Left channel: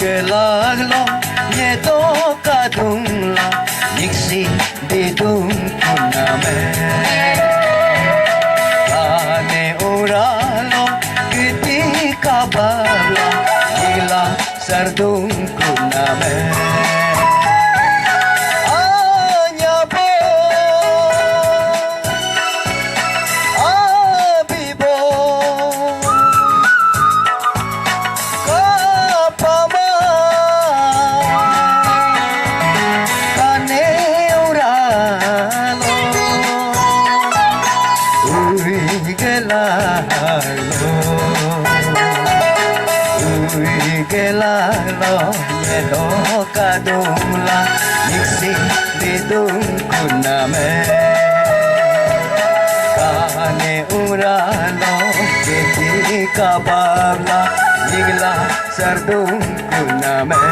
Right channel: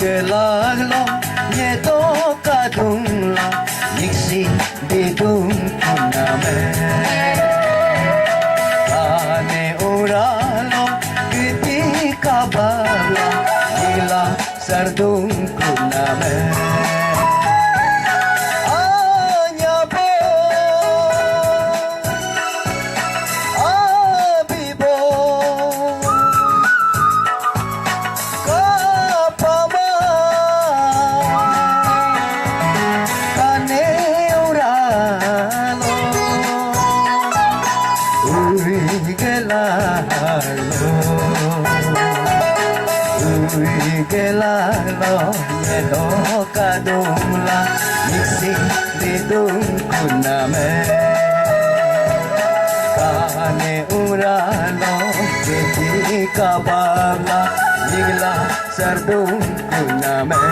Gelaglo yeto kadungla Niksi bidung kuname Ane uralo Giti kabala Gila sardung kuname Gelalo yedo kadungla Niksi bidung kuname Kane uralo Kiti kabala Nigla sardung kuname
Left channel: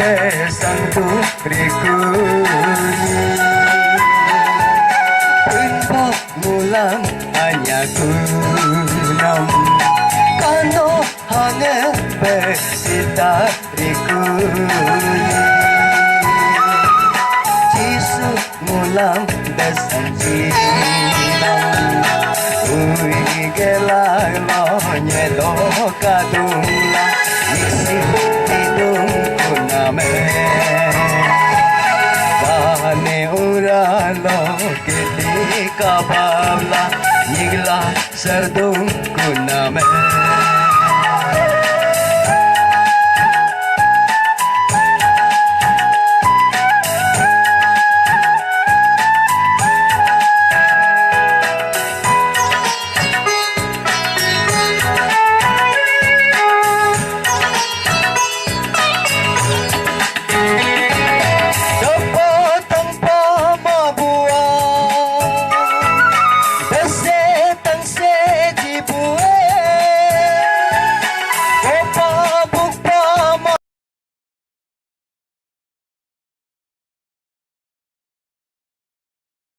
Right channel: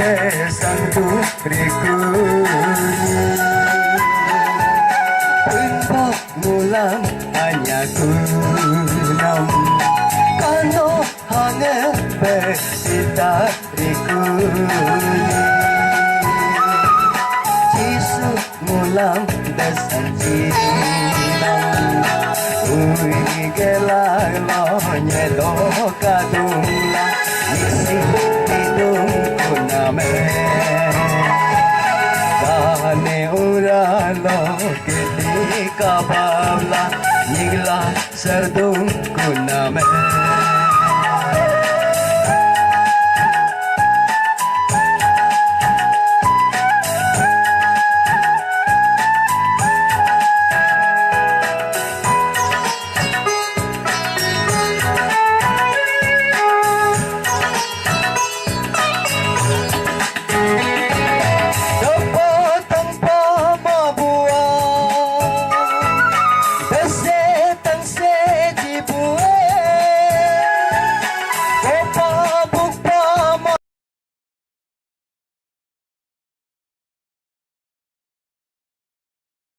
Bersangku rikuni Untuk mulam hanya kunam Kano hanya bersita rikuni Jisu mulam besan jinam Ui gelang lo nyelo kadungla Niksi hidung kuname Kane uralo Kiti kabala Nigla sardung kuname